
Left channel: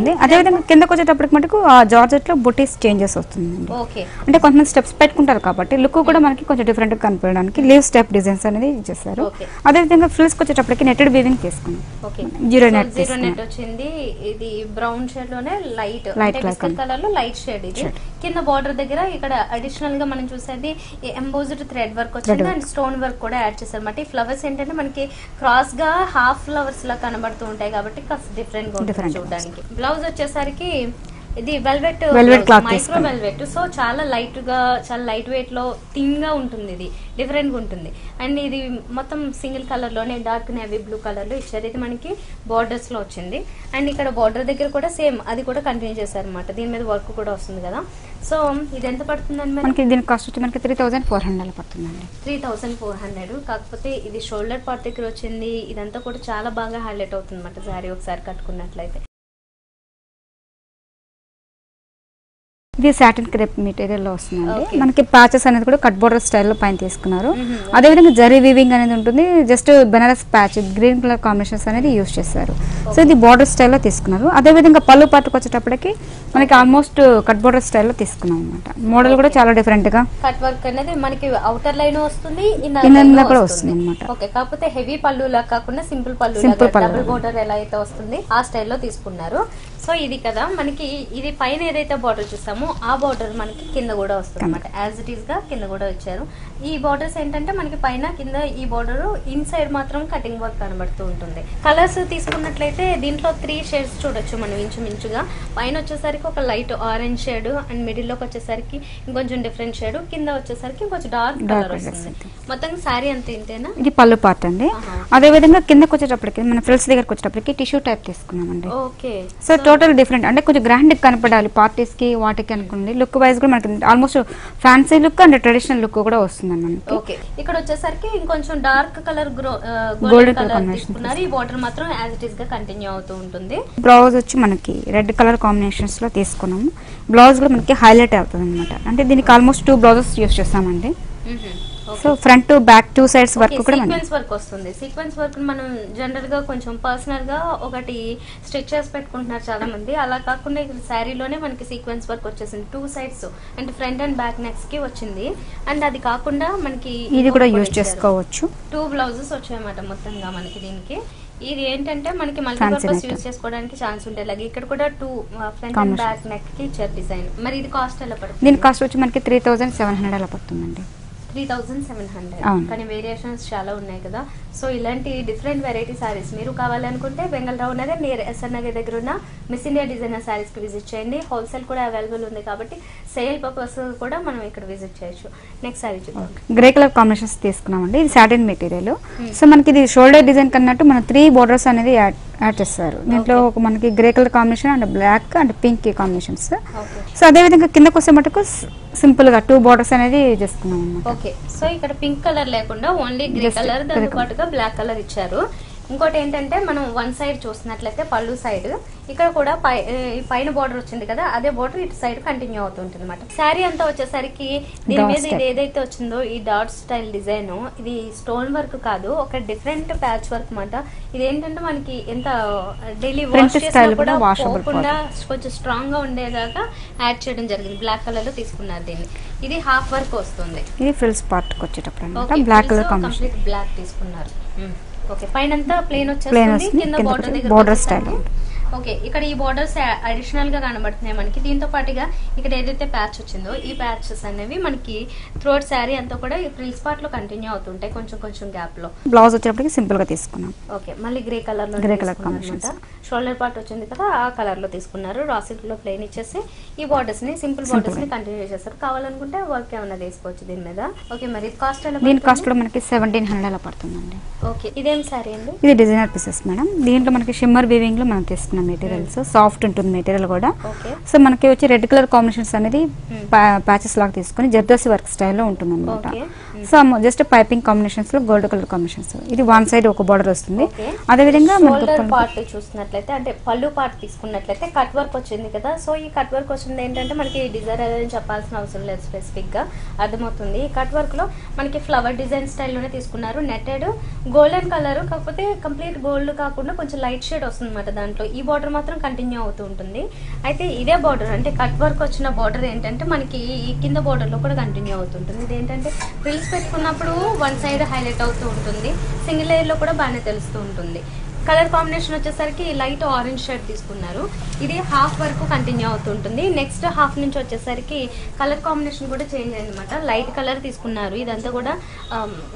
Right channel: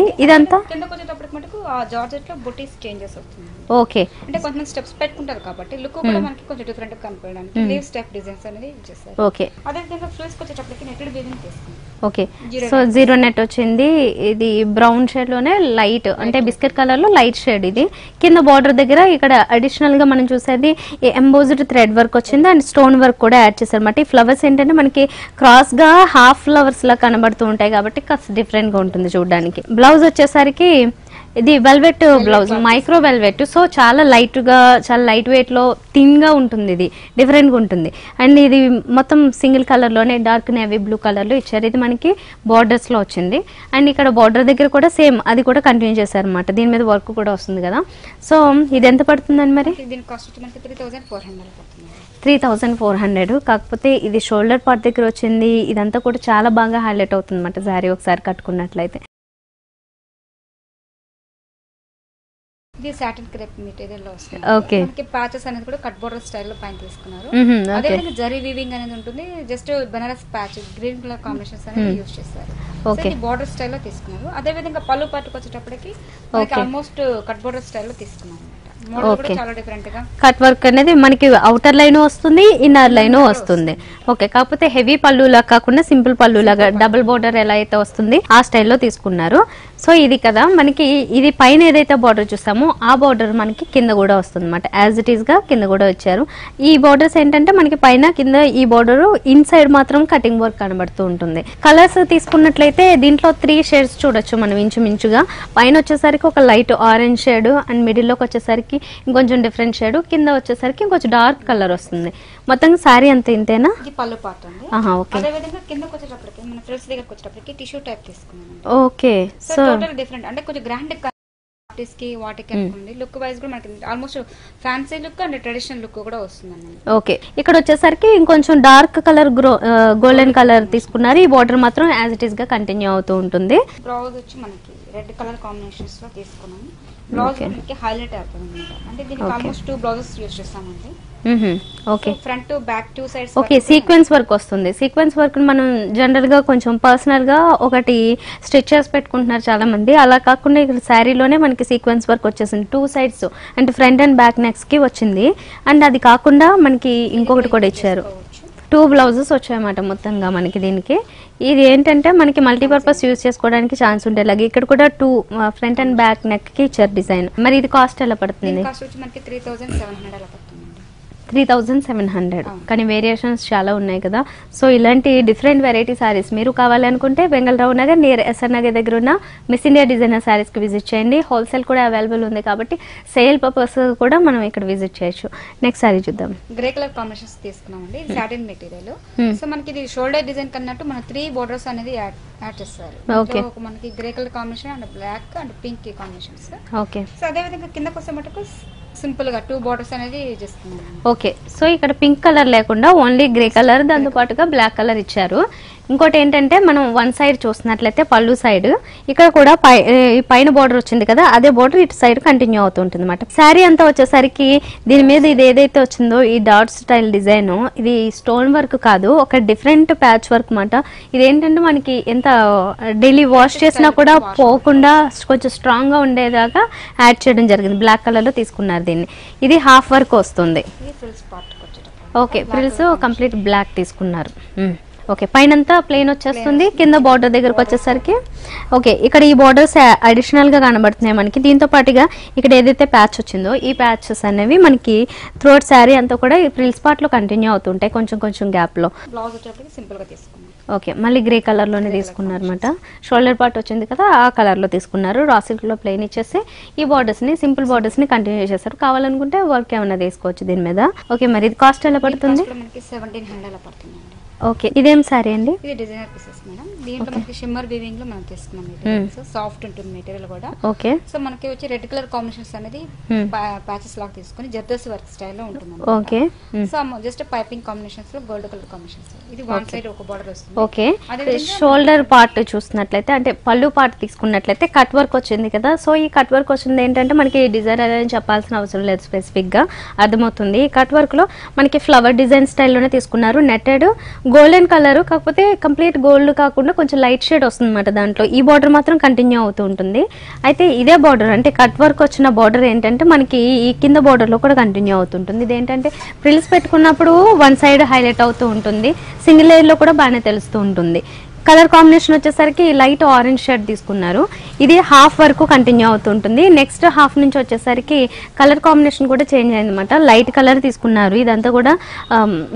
కిందకి వచ్చేటప్పటికి మటుకు ఆ జార్జెట్ లో బుటీస్ చేంజెస్ వస్తుంది. ఓకే, అంటే కొంతమంది స్టెప్స్ పెట్టుకుంటారు కాబట్టి లుక్ కూడా మనకి కొంచెం డిఫరెంట్ గా కనిపించడానికి లీవ్ స్టెప్ డిజైన్స్ అనేది చేస్తారు. ఓకే, అదే విధంగా ఫ్రిల్స్ వచ్చేటప్పటికి నెట్టెడ్ వీవింగ్ తీసుకున్నాం. ఓకే, జీరో నెట్ వచ్చింది. ఇది బ్రౌన్ షేడ్ లోనే లైట్ అంటే బిస్కెట్ కలర్ లో లైట్ షేడ్. ఇది కింద బార్డర్ దగ్గర ఇక్కడ అడిషనల్ గా మనం చూసేది ఎంబోజ్డ్ థ్రెడ్ వర్క్ వచ్చింది అండ్ స్టోన్ వర్క్ కూడా యాడ్ చేశారు అన్నమాట. ఈ ఫ్లవర్స్ ఏంటంటే మనకి క్రాస్ గా హాఫ్ ఫ్లవర్స్ లా కనబడుతూ ఉంటాయి కాబట్టి కాస్త డిఫరెంట్ గా ఉంటుంది చూడడానికి. బ్లౌజ్ వచ్చేసరికి ఇది వెల్వెట్ మైక్రో వెల్వెట్. సో చాలా లైట్ గా చాలా లైట్ వెయిట్ లో థిన్ గా ఉంటుంది. ఇది డిఫరెంట్ గా ఉంటుంది. అండ్ ఇది మొత్తం సింగిల్ కలర్ లోనే డార్క్ నేవీ బ్లూ కలర్ లో ఇచ్చారు. ఇది మనకి బార్డర్స్ లో వచ్చింది. అండ్ ఇక్కడ బార్డర్ దగ్గర కూడా సేమ్ అది కూడా కంటిన్యూ చేశారు అనమాట. దీని మీద వర్క్ కూడా వస్తుంది కదా. సో ఇది ఎంత పడుతుందండి మరి? దీని కాస్ట్ వచ్చి మనకి 3400 పడుతుందండి. 3400. కాకపోతే ఇది షోల్డర్ పార్ట్ దగ్గర వచ్చింది. ఇదంతా కూడా చాలా బాగా హైలైట్ అవుతుంది అనమాట సారీ ఒకసారి కట్టుకున్నట్లయితే. ఇది సాటిన్ క్రేప్ మెటీరియల్ లో వస్తుంది. మనకి ప్యాచెస్ అనేది కూడా కట్ బోర్డర్ స్టైల్లో పైన తీసుకున్నారు. అదేవిధంగా జరీ వీవింగ్ అనేది ఉంటుంది. Just Banaras patch green colour combinations అనేది యూజ్ చేస్తారు. సో ఇది బోర్డర్ స్టైల్లో తీసుకున్నారు. అదే విధంగా పళ్ళు పాటుకు వచ్చేటప్పటికి మనకి ఆల్మోస్ట్ కట్ బోర్డర్ స్టైల్లో తీసుకున్నాం అనమాట. మోడల్ కూడా చాలా డిఫరెంట్ గా కట్ వర్క్ అనేది మనకి అవుటర్ లైన్ వస్తుంది, ఇన్నర్ లైన్ వస్తుంది. ఓకే, కాకపోతే హెవీ పళ్ళు లాగా కాకుండా సింపుల్ పళ్ళు లాగా డబుల్ బోర్డర్ ఎలా అయితే వస్తుంది ఆ స్టైల్లో తీసుకున్నారు. సో ఇది కదా మనకి ఇది పైన ఏదైతే బార్డర్ చూసామో ఇచ్చామో ఆ బార్డర్ మనకి కింద కూడా వస్తుంది అనమాట. యాజ్ ఇట్ ఈస్ గా కింద కూడా ఇచ్చారు. ఈ బార్డర్స్ ఏంటంటే మనకి పైన కింద ఈ బార్డర్ ఇన్ సైడ్ మాత్రం కటింగ్ వర్క్ కనబడుతూ ఉంటుంది. కలర్స్ తీసుకున్నట్లయితే దీంట్లో 3 షేడ్స్ చూడొచ్చు మనం ఇంచుమించుగా. పైన వచ్చేసరికి ఒక light orange shade and middle లోకి వచ్చేసరికి ఇంకొంచెం డిఫరెంట్ షేడ్, కింద వచ్చేసరికి ఇంకొంచెం డార్క్ కలర్ వస్తుంది. మొత్తం సారీ అంత ఇంతేనా? ఇది పళ్ళు పార్ట్ అండి. అదే విధంగా కిందకి వచ్చేటప్పటికి మన ఫ్రిల్స్ దగ్గరకు వచ్చేటప్పటికి టిష్యూ టైప్ తీసుకున్నామండి. ఓకే. సో టోటల్ డిఫరెంట్ అంటే కొంచెం గ్రాండ్ కనపడాలి పార్టీస్ కి వాటికి అనుకోండి. లుక్ వైజ్ కూడా మనకి almost fancy look and traditional look కూడా వస్తుంది అన్నమాట. ఓకే. ఇక్కడ వచ్చేసరికి ఇంకొంచెం డార్క్ కలర్ గోల్డెన్ కలర్ తీసుకున్నారు. ఈ బార్డర్ మాత్రం యాజ్ ఇట్ ఈస్ గా కంటిన్యూ అవుతూ ఉంటుంది. బ్లౌజ్ వచ్చి మనకి రెడ్ కలర్ కాంబినేషన్స్ లో తీసుకున్నాము. బ్లౌజ్ లో మనకి హైలైట్ అవుతుంది అనమాట. అంటే దీనికి ఆల్మోస్ట్ 2 బ్లౌజెస్ యూస్ చేస్తామండి. Okay. Front to back 2 sides sequence work వస్తుంది. సీక్వెన్స్ వర్క్ మనం జనరల్ గా కొంచెం పర్సనల్ గా ఒకటి స్టిచ్ చేసి పెట్టుకుంటున్నారు చాలా మంది. అలా కాకుండా ఇక్కడ శారీలోనే మనకి సీక్వెన్స్ వర్క్ వచ్చేసింది 2 సైడ్స్, అంటే ఫ్రంట్ అండ్ బ్యాక్ నెక్స్ కి వచ్చింది. అండ్ అది కాకుండా మనకి ఇది కూడా ఇచ్చారు. 2 బ్లౌజెస్ వచ్చాయన్నమాట మొత్తంగా మనకి దీనికి. ఇది ఏంటంటే మనకి మల్టీపర్పస్ యూజ్ చేసుకోవడానికి ఛాన్స్ ఉండేలాగా ఇక్కడ కూడా 2 ఫ్రంట్ అండ్ బ్యాక్ నెక్ కి ఇచ్చారు డిజైన్. మరి ఇది కాస్ట్ ఎలా పడుతుంది? దీని కాస్ట్ వచ్చి మనకి 3700 అలా పడుతుందండి. 3700. కానీ వేరియేషన్స్ చాలా ఉన్నాయి కదా. సో ఇలాంటి డిఫరెంట్ వెరైటీ సారీస్ మీరు కావాలనుకుంటే బెంగళరావు నగర్ నియర్ ఎస్ఆర్ నగర్ దగ్గర ఉన్న మిస్ ఇండియా డిజైనర్ సారీస్ కి విజిట్ చేయండి. హోల్సేల్ కూడా అవైలబుల్ ఉంది కాబట్టి సేల్ పర్పస్ కూడా మనం ఇక్కడ విజిట్ చేయొచ్చు. నెక్స్ట్ సారీ చూద్దాం. గ్రే కలర్ కాంబినేషన్స్ తీసుకున్నామండి. ఇది సాటిన్ మెటీరియల్. సో మనకి ఇది షోల్డర్ డిజైన్ కన్నట్టు మన 3 బోర్డర్స్ అనేది యాడ్ చేస్తారు. దీంట్లో మనకి grey colour combination and black and pink combinations. So అదే విధంగా కిందకు వస్తే మటుకు సింపుల్ గా 2 బోర్డర్స్ అనేది చేసుకున్నాం. ఓకే. సో ఇక్కడ పింక్ కలర్ లేకుండా ఓన్లీ గ్రే కలర్, దాంతో పాటుగా బ్లాక్ కలర్ ఇచ్చారు. ఇంకోటి ఏంటంటే మనం వన్ సైడ్ చూసినట్లయితే పళ్ళు సైడ్ ఇక్కడ కూడా పైన బోర్డర్ వచ్చింది కదా, అదే బోర్డర్ ఇటు సైడ్ కంటిన్యూ అవుతుంటుంది అనమాట. శారీ అంతా వచ్చేసరికి దీని మీద ఇది ఏదైతే వచ్చిందో ఈ డాట్ స్టైల్ డిజైన్, ఇది స్టోన్ వర్క్ కాదు, ఒక డిఫరెంట్ ప్యాచ్ వర్క్ అనమాట. ఇదేంటంటే మనకి ఎంత డైలీ వాష్ చేసినా కూడా పోకుండా కొంచెం స్ట్రాంగ్ గా ఉండేదాకా యాడ్ చేయడం జరిగింది. బ్లాక్ కలర్ లో తీసుకున్నారు దీన్ని. ఇది హాఫ్ వర్క్ వస్తుంది. ఇది ఫ్రిల్స్ పార్ట్ వచ్చేటప్పుడు ఓకే, కంప్లీట్ బ్లాక్ తీసుకున్నారు. ఓకే, పైనంతా ప్లేన్ వచ్చేస్తుంది, కింద బార్డర్ దగ్గరకు వచ్చేసరికి ఓకే ఇక్కడ ఈ బార్డర్స్ అడిషనల్ గా కనబడుతున్నాయి మనకి. దీంతో పాటుగా ఇక్కడ ఏదైతే ప్యాచ్ వచ్చిందో ఈ ప్యాచెస్ అనేవి మనకి త్రోట్ శారీ అంతా కూడా ఫ్రిల్స్ పార్ట్ లో కంటిన్యూ అవుతుంటాయి కొంచెం కొంచెం గ్యాప్ లో. బ్లౌజ్ వచ్చేటప్పటికి సింపుల్ గా తీసుకున్నాం. ఓకే, మళ్ళీ గ్రే కలర్ లోనే తీసుకున్నారు అనమాట. షోల్డర్ పార్ట్ వచ్చింది కదా ఆ కలర్ లో తీసుకున్నారు. రా సిల్క్ లో ప్లేన్ ఇచ్చేసి ఈ బార్డర్స్ ని సింపుల్ బార్డర్స్ ని కంటిన్యూ చేశారు. కావాలనుకుంటే వర్క్ ఏమైనా తీసుకోవచ్చు దీని మీద. ఓకే, మరి ఇది కాస్ట్ ఎలా పడుతుంది? మనకి 1700 అలా పడుతుందండి. ఓకే, ఇదేం సారీ అండి? ఇది డిజైనర్ పీసెస్ మేడం. దీంట్లో మనకి షిమ్మర్ వీవింగ్ లో మనం తీసుకున్నాం మెటీరియల్స్. సాఫ్ట్ ఉంటుంది మెటీరియల్ కూడా. ఓకే, సో మనకి వచ్చి రెడ్ కలర్ కాంబినేషన్స్ అనేది ప్యాచెస్ లాగా తీసుకుని జర్దోసి వర్క్ స్టైల్లో ఉంటుంది. Okay, so just piping combinations లో గోల్డ్ కలర్ కాంబినేషన్స్. ఇది వన్ సైడ్ ఒక బార్డర్ వస్తుంది. ఓకే, అదే విధంగా షోల్డర్ పార్ట్ చూస్తున్నట్లయితే అంటే పళ్ళు పార్ట్ తీసుకున్నట్లయితే కట్ వర్క్ వచ్చింది కదా. సో ఈ కట్ వర్క్ వచ్చింది ఏంటంటే మనకి డిజైనర్ అని చెప్పాల్సిన అవసరం లేదు, స్పెసిఫిక్ గా అర్థమవుతుంది. ఈ కట్ వర్క్ లో మనకి ఫ్లవర్ డిజైన్ స్టైల్లోనే తీసుకున్నారు. నెట్టెడ్ గోల్డెన్ కలర్, కాకపోతే కంప్లీట్ గోల్డ్ కాకుండా కొంచెం లైట్ షేడ్ వస్తుంది అనమాట దాంట్లో. ఈ బార్డర్ మాత్రం కంటిన్యూ అవుతూ ఉంటుంది. అయితే ఇదే బార్డర్ అంటే కట్ వర్క్ వచ్చిన బార్డర్ ఏంటంటే మనకి ఈ కింద బార్డర్ లో కూడా కంటిన్యూ అవుతుంటుంది. ఇదేంటంటే ఫ్రిల్స్ పెట్టుకున్నప్పుడు వన్ సైడ్ హైలైట్ అవుతూ ఉంటుంది, సింగిల్ లేయర్ లో కూడా బాగానే తెలుస్తూ ఉంటుంది. కలర్ కాంబినేషన్ వచ్చేసరికి లైట్ ఆరెంజ్ షేడ్ తీసుకున్నారు. ఇది హాఫ్ వరకు కంటిన్యూ అవుతుంటుంది. నెక్స్ట్ హాఫ్ నుంచి వచ్చేసరికి కలర్ కాంబినేషన్ కూడా చేంజ్ అయింది అనమాట. లైట్ కలర్ తీసుకున్నారు. ఇదంతా కూడా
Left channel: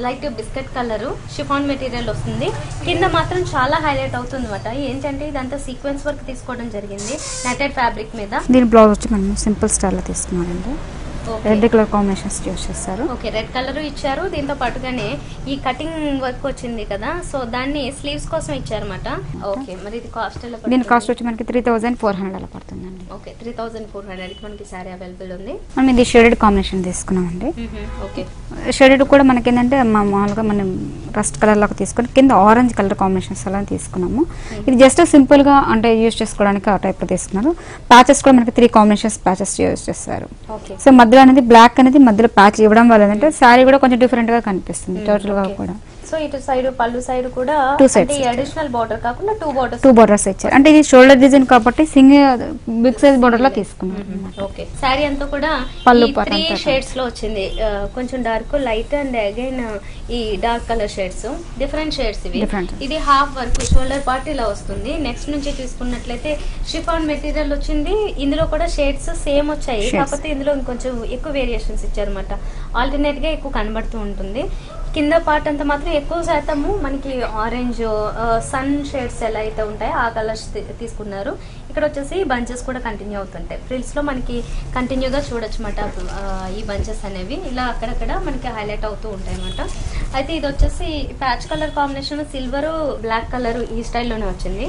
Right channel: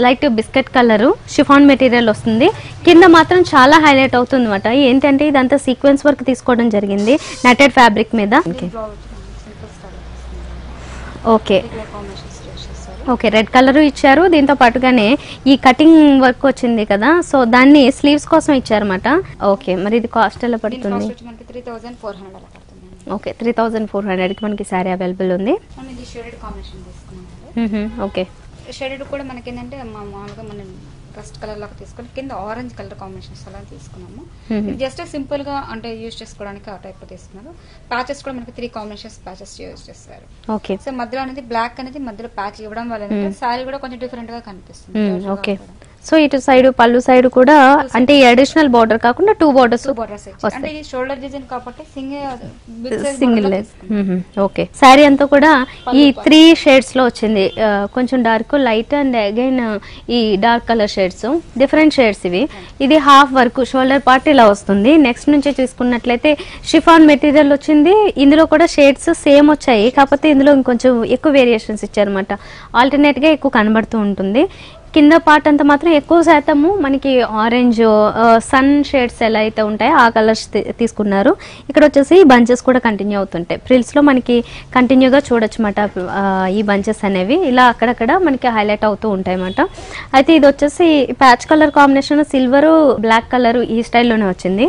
light biscuit colour chiffon material వస్తుంది. కింద మాత్రం చాలా హైలైట్ అవుతుంది అనమాట. ఏంటంటే ఇదంతా సీక్వెన్స్ వర్క్ తీసుకోవడం జరిగింది నెటెడ్ ఫ్యాబ్రిక్ మీద. దీని బ్లౌజ్ వచ్చి మనం సింపుల్ స్టైల్ లో తీసుకున్నామండి. Okay, red colour combinations use చేస్తారు. ఓకే, రెడ్ కలర్ ఇచ్చారు. దీంతో పాటుగానే ఈ కటింగ్ వర్క్ వచ్చింది కదా, సో దాన్ని స్లీవ్స్ కోసం ఇచ్చారన్నమాట. ఓకే, మరి ఇది కాస్ట్ ఎలా పడుతుంది? దీని కాస్ట్ వచ్చి మనకి 3400 అలా పడుతుందండి. ఓకే, 3400 కి మనకి సారీ అవైలబుల్ ఉంది. మనం ఇది షేడెడ్ కాంబినేషన్ తీసుకున్నామండి. ఓకే, షేడెడ్ కూడా మనకి ఏంటంటే మామూలుగా మనం రస్ట్ కలర్ లాగా తీసుకొని కింద ఆరెంజ్ కలర్ కాంబినేషన్స్ అలా తీసుకున్నాము. ఇది జస్ట్ సింపుల్ గా అంటే యూజ్ చేసుకోవడానికి ఆ టైప్ లో తీసుకున్నారు. ప్యాచెస్ కూడా మనకి 3 కాంబినేషన్స్ ప్యాచెస్ యూజ్ చేస్తారు. ఓకే, సో మధ్యలో అనేది బ్లాక్ అనేది మధ్యలో ప్యాచ్ ఇవ్వడం వల్ల ఏంటంటే శారీ కూడా కొంచెం డిఫరెంట్ గా కనిపిస్తుంది టోటల్ గా కూడా. సో ఇటు సైడ్ పళ్ళు సైడ్ కూడా అంటే అడిషనల్ బార్డర్ కాకుండా 2 బోర్డర్స్ ఇచ్చారు. అంటే ఇది షోల్డర్ డిజైన్ కాబట్టి సింగిల్ బిగ్ సైజ్ బార్డర్ లో తీసుకున్నాం. ఓకే, సారీ అంతా కూడా ఈ 3 షేడ్స్ లో వచ్చింది. కొంచెం డార్క్, లైట్ అండ్ అగైన్ ఈ dark colour shade shades, different shades ఇవి. ఇది హాఫ్ వర్క్ షోల్డర్ పార్ట్ ఇలా వస్తుంది. నెక్స్ట్ నుంచి చూసుకున్నట్లయితే షిఫాన్ మెటీరియల్ వచ్చింది. ఇందులో కూడా షేడ్స్ సేమ్ వచ్చాయి, కాకపోతే ఇందులో ఇంకొంచెం ఎక్కువ వేరియేషన్స్ ఇచ్చారన్నమాట. ఆల్టర్నేట్ గా ఎక్కువ కనబడుతూ ఉంటుంది. కింద పార్ట్ అంతా మాత్రం ఎక్కువ శాతము మనకి ఆరెంజ్ సన్ షేడ్స్ ఎలా అయితే ఉంటాయో ఆ కలర్స్ తీసుకున్నారు. ఇక్కడ వచ్చేసి బంచెస్ కూడా కంటిన్యూ అవుతుంటాయి. ఫ్రిల్స్ లో మనకి కంటిన్యూగా చూడొచ్చు అన్నమాట. ఈ బంచెస్ అనేవి ఇలా అక్కడక్కడ మనకి హైలైట్ అవుతూ ఉంటాయి అన్నమాట. అయితే ఇది వచ్చేసి patch colour combination silver black colour ఈ స్టైల్లోనే వచ్చింది.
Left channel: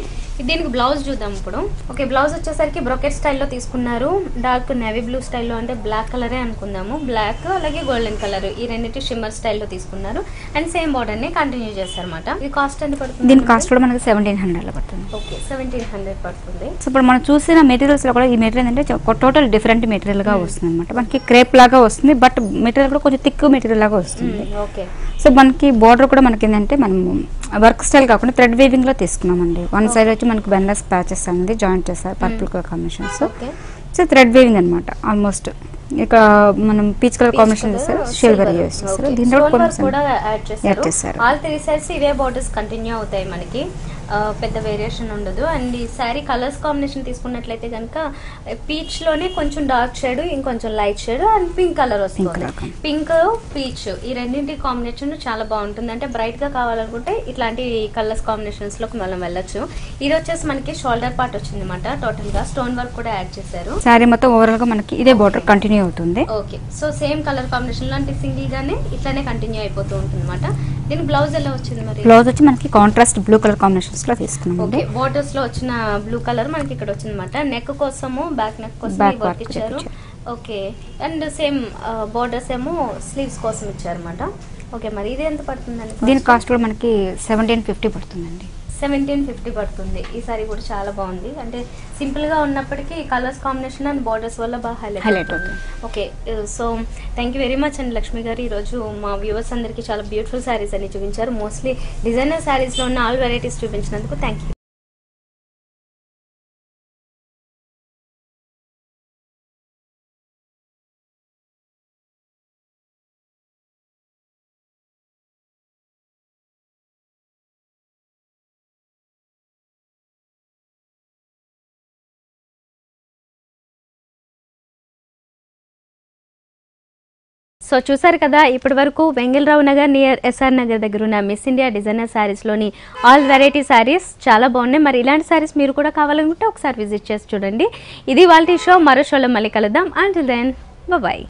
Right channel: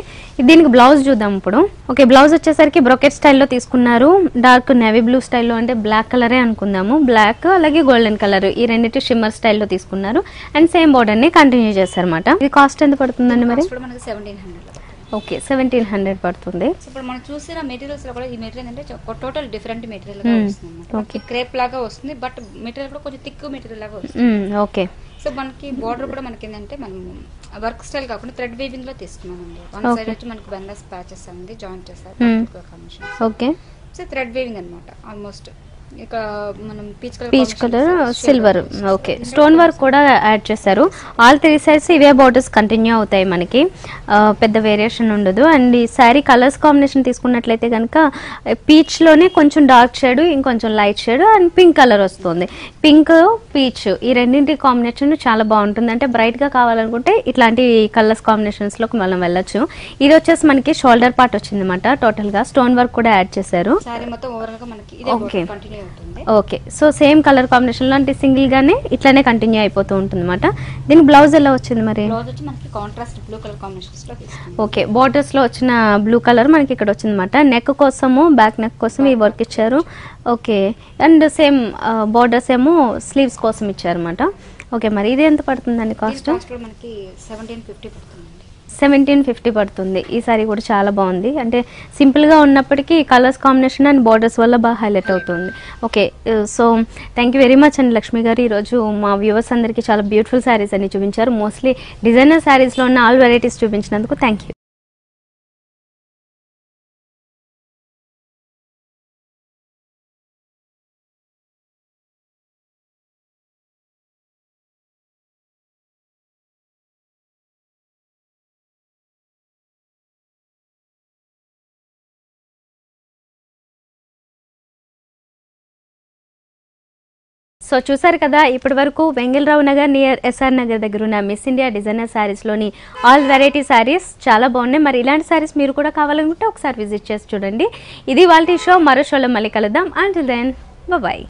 దీనికి బ్లౌజ్ చూద్దాం ఇప్పుడు. ఓకే, బ్లౌజ్ వచ్చేసరికి బ్రోకెట్ స్టైల్లో తీసుకున్నారు. డార్క్ నేవీ బ్లూ స్టైల్లో, అంటే బ్లాక్ కలరే అనుకుందాము. బ్లాక్ అలాగే గోల్డెన్ కలర్ ఈ రెండింటి షిమ్మర్ స్టైల్లో తీసుకున్నారు. అండ్ సేమ్ బోర్డర్ ని కంటిన్యూ చేశారన్నమాట. ఇది కాస్ట్ ఎంత పడుతుంది? కాస్ట్ కూడా మనకి 1700 పడుతుంది. ఓకే, 1700 పడుతుంది. సో ఇప్పుడు మనం చూసిన మెటీరియల్స్ లో కూడా ఈ మెటీరియల్ అంటే టోటల్ డిఫరెంట్ మెటీరియల్ గా వస్తుంది అనమాట. మనకి క్రేప్ లాగా వస్తుంది, బట్ మెటీరియల్ కూడా కొంచెం థిక్ మెటీరియల్ లాగా వస్తుంది. ఓకే, సో మనకి బోర్డర్ కూడా మనకి ఏంటంటే మనం వర్క్ స్టైల్ కాకుండా థ్రెడ్ వీవింగ్ లో తీసుకున్నామండి. వన్ సైడ్ వచ్చి మనకి బెండస్ ప్యాచెస్ అనేది జాయింట్ చేస్తారు purple colour combination. Okay, so thread weaving అనమాట. ఆల్మోస్ట్ ఇక మనం peach colour combination silver. Okay, stone work కూడా యాడ్ చేశారు. ఆల్ 3 సైడ్స్ ఇవే బోర్డర్స్ కంటిన్యూ అవుతాయి మనకి, పెద్ద వేరియేషన్ ఉండదు. అండ్ ఈ శారీ కలర్స్ కాంబినేషన్ తీసుకున్నట్లయితే కనుక పీచ్ లోనే కొంచెం డార్క్ షేడ్, ఇంకొంచెం light shade and pink colour వస్తుంది. పింక్ పీచ్ ఈ రెండింటి కాంబినేషన్ చాలా బాగుంటుంది. అంటే బ్రైట్ గా కావాలనుకుంటే ఇట్లాంటి కలర్స్ కాంబినేషన్స్ లోకి మనం వెళ్ళొచ్చు. ఇది వచ్చేసి మనకి షోల్డర్ పార్ట్ వచ్చింది అనమాట. టోటల్ గా స్టోన్ వర్క్ కూడా యాడ్ చేశారు. శారీ మొత్తం ఓవరాల్ గా మనకి ఇదే బోర్డర్ కంటిన్యూ అవుతుంది. Okay, so same colour combination లో అంటే సింగిల్ గానే ఇట్లానే కంటిన్యూ అయిపోతూ ఉంటుంది అనమాట. దీని బ్లౌజ్ ఎలా వచ్చింది మరి? బ్లౌజ్ వచ్చి మనకి కాంట్రాస్ట్ బ్లూ కలర్ కాంబినేషన్స్ లో తీసుకున్నాం. ఓకే, బోర్డర్స్ లో వచ్చిన బ్లూ కలర్ మనకి ఇక్కడ వచ్చింది అనమాట. నెక్ కోసము బ్యాక్ నెక్ కోసం ఈ వర్క్ ఇచ్చారు. ఓకే, అండ్ సేమ్ బోర్డర్స్ ఏమో స్లీవ్స్ కోసం ఇచ్చారు అనమాట. ఓకే, మరి ఇది ఎంత పడుతుందండి? దీని కాస్ట్ కూడా మనకి 1750 పడుతుందండి. 1750 పడుతుంది. ఈ సారీ కూడా చాలా బాగుంది. అంటే సింపుల్ గా ఉన్నప్పటికీ కలర్స్ కాంబినేషన్ అండ్ బోర్డర్స్ వల్ల బాగా హైలైట్ అవుతుంది. Okay, so thank you very much అండి లక్ష్మి గారు. ఈ రోజు మా వ్యూవర్స్ అందరికి చాలా బ్యూటిఫుల్ శారీస్ అన్ని చూపించారు. మోస్ట్లీ డిజైనర్ శారీస్ లో ఉన్న ఆల్ వెరైటీస్ చూపించినందుకు థ్యాంక్ యూ. సో చూసారు కదా, ఇప్పటి వరకు వెంగళరావు నగర్ నియర్ ఎస్ఆర్ నగర్ దగ్గర ఉన్న మిస్ ఇండియా డిజైనర్ శారీస్లోని ఆల్ వెరైటీ శారీస్ చాలా బాగున్నాయి. మరి ఇలాంటి శారీస్ మీరు కూడా కావాలనుకుంటే ఒకసారి విజిట్ చేసి చూడండి. ఇది వాళ్ళ షో. మరో షోలో మళ్ళీ కలుద్దాం. Until then bye.